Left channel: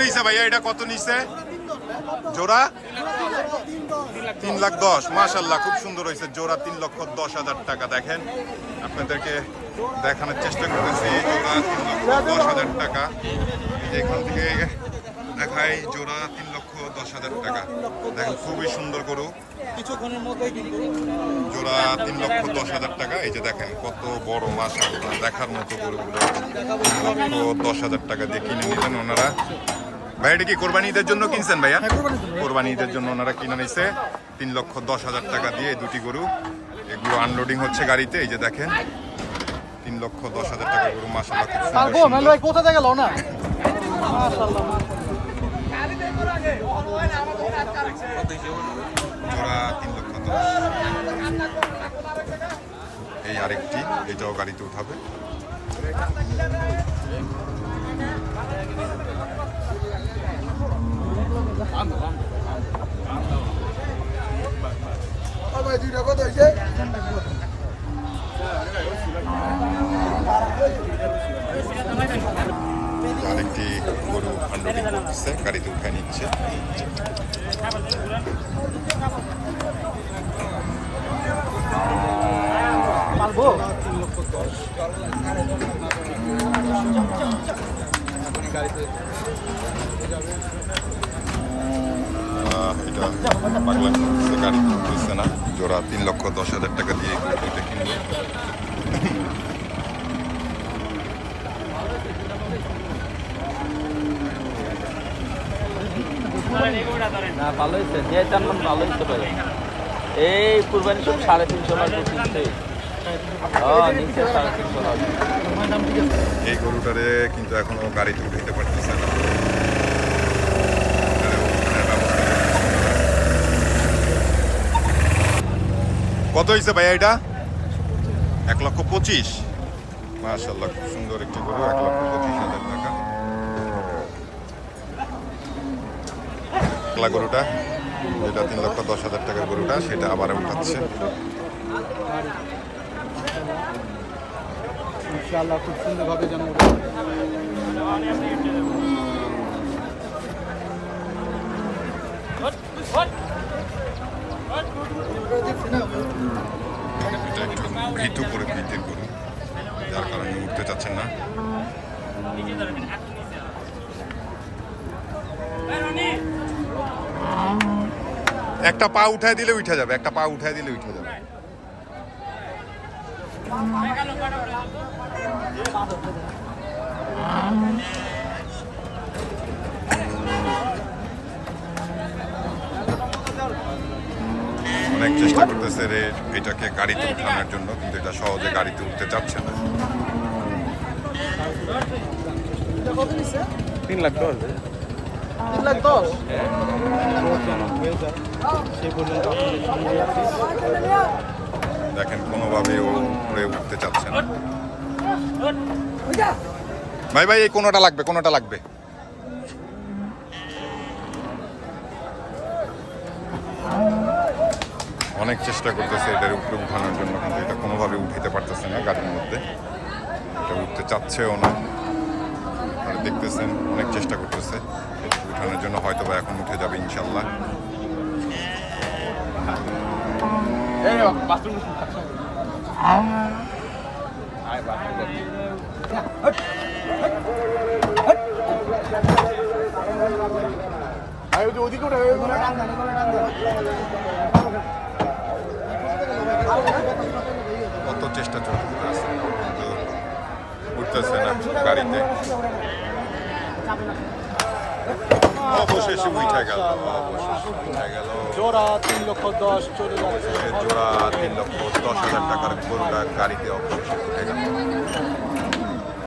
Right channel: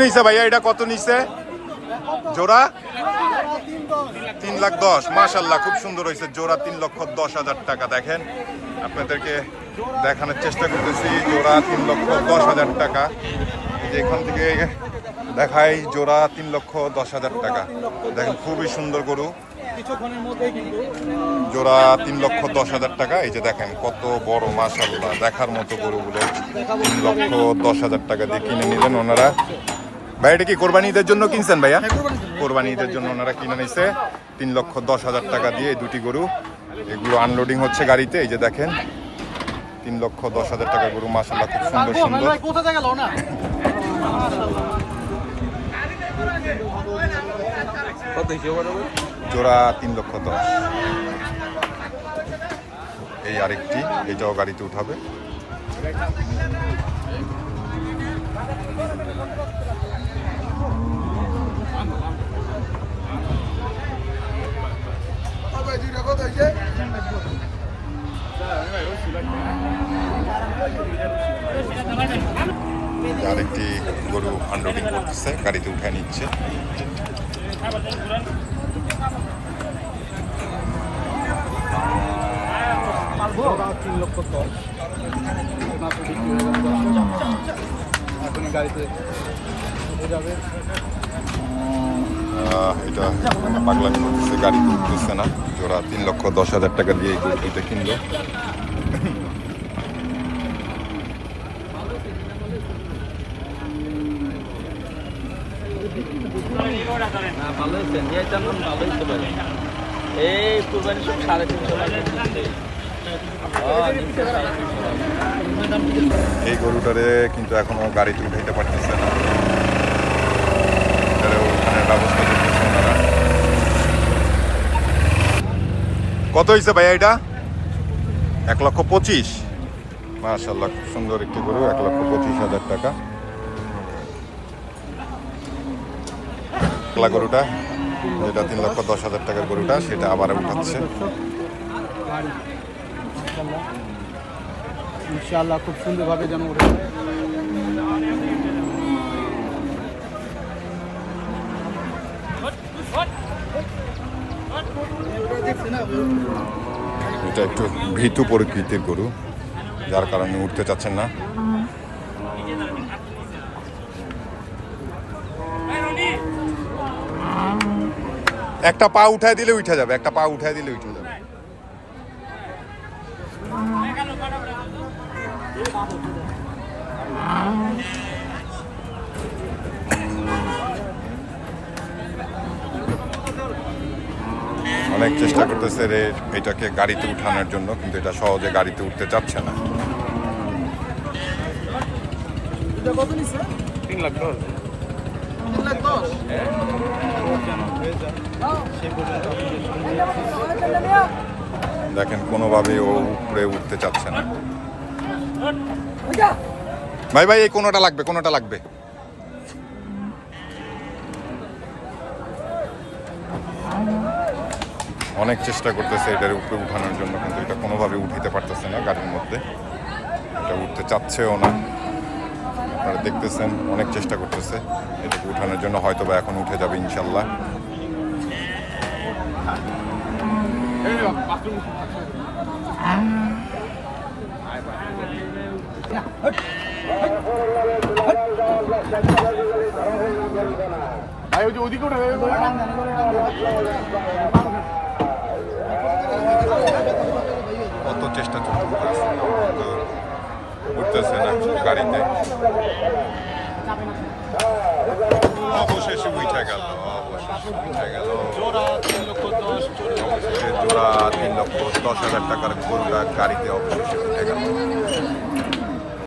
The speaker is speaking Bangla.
নিছে ভাইয়া? এটা কত নিছে? জোড়া? তিন লাখ দশ। মাশাল্লাহ খুব সুন্দর হয়েছে। জোড়া তিন লক্ষ দশ হাজার টাকা। দেখেন, আপনাদেরকে দেখানোর চেষ্টা করতেছি। জোড়া তিন লক্ষ দশ হাজার টাকা। এখান থেকে দেখাই, জোড়া তিন লক্ষ দশ হাজার টাকা। দেখেন, খুবই সুন্দর গরু। জোড়া তিন লক্ষ দশ হাজার টাকা। এই যে দেখেন, কত বড় মাশাল্লাহ দেখার মতো গরুগুলো তিন লক্ষ দশ হাজার টাকা দিয়ে কিনে নিলেন ওনারা। ভাই এটা কি কোরবানি ঈদের জন্য কিনছেন ভাইয়া? কোরবানি ঈদের জন্য। ওনারা কিনে নিছে। তিন লক্ষ দশ হাজার টাকা দিয়ে এই দুটি গরু। এগুলো আনলোডিং হচ্ছে গাড়িতে এই যে দেখেন। তিন লক্ষ দশ হাজার টাকা গরু মাশাল্লাহ খুব সুন্দর সুন্দর। জোড়া তিন লক্ষ দশ। এই আরেকটি এটাও গাড়িতে উঠাবে এই যে আরেকটি আনলোডিং করতেছে গাড়িতে উঠে নিচ্ছে। এটা পাগলামি গাড়ি উঠতেছে না। জোড়া তিন লক্ষ দশ হাজার টাকা দিয়ে গরুটিতে কিনলো। এই গরুটারে কিন্তু এখনও গাড়িতে উঠাইতে পারতেছে না। ওখানের ব্যবস্থা করতেছে ওনারা কত হয়েছে ভাইয়া এটা? এক লক্ষ পঁচিশ। মাশাল্লাহ সুন্দর একটি গরু, এক লক্ষ পঁচিশ হাজার টাকা। একলা গরুটা যেটা তিন লক্ষ দশ হাজার টাকার গরুটা সেটা আবার উঠাচ্ছে। ইনশাআল্লাহ খুব সুন্দরভাবে যেন এটা একটু ভীতু প্রকৃতির গরু যার কারণে উঠতে চাচ্ছেন না। একটা পা উঠায় দিলে উঠে যাবে একটা পা উঠায় দিলে উঠে যাবে। অনেক চেষ্টা করতেছে রে এটাকে গাড়িতে উঠানোর জন্য কিন্তু এটা সহজে গাড়িতে উঠতে চাচ্ছে না। তিন লাখ দশ। তিন লাখ দশ? দেখেন কোনোভাবে ও উপরে উঠতে চাচ্ছে না। ভাই ভাই, এই কোনোটা লাগবে কোনোটা লাগবে? অনেক চেষ্টা করতেছে এটার উপরে উঠানোর জন্য, কিন্তু এটা কোনোভাবে উঠাইতে পারতেছে না গাড়ির মধ্যে। এটা উঠতে চাচ্ছেও না। আপনারা দেখতেছেন, অনেক চেষ্টা করতেছে। এটাকে উঠানোর জন্য হয়তো বা এখন উঠে যাবে, ইনশাল্লাহ। কত চেষ্টা চলতেছে কিন্তু উঠতেছে না গাড়িতে অবশেষে উঠে গেল অবশেষে উঠে গেল। অবশেষে জোড়া তিন লক্ষ দশ হাজার টাকার গরুটা গাড়িতে অবশেষে উঠে গেল।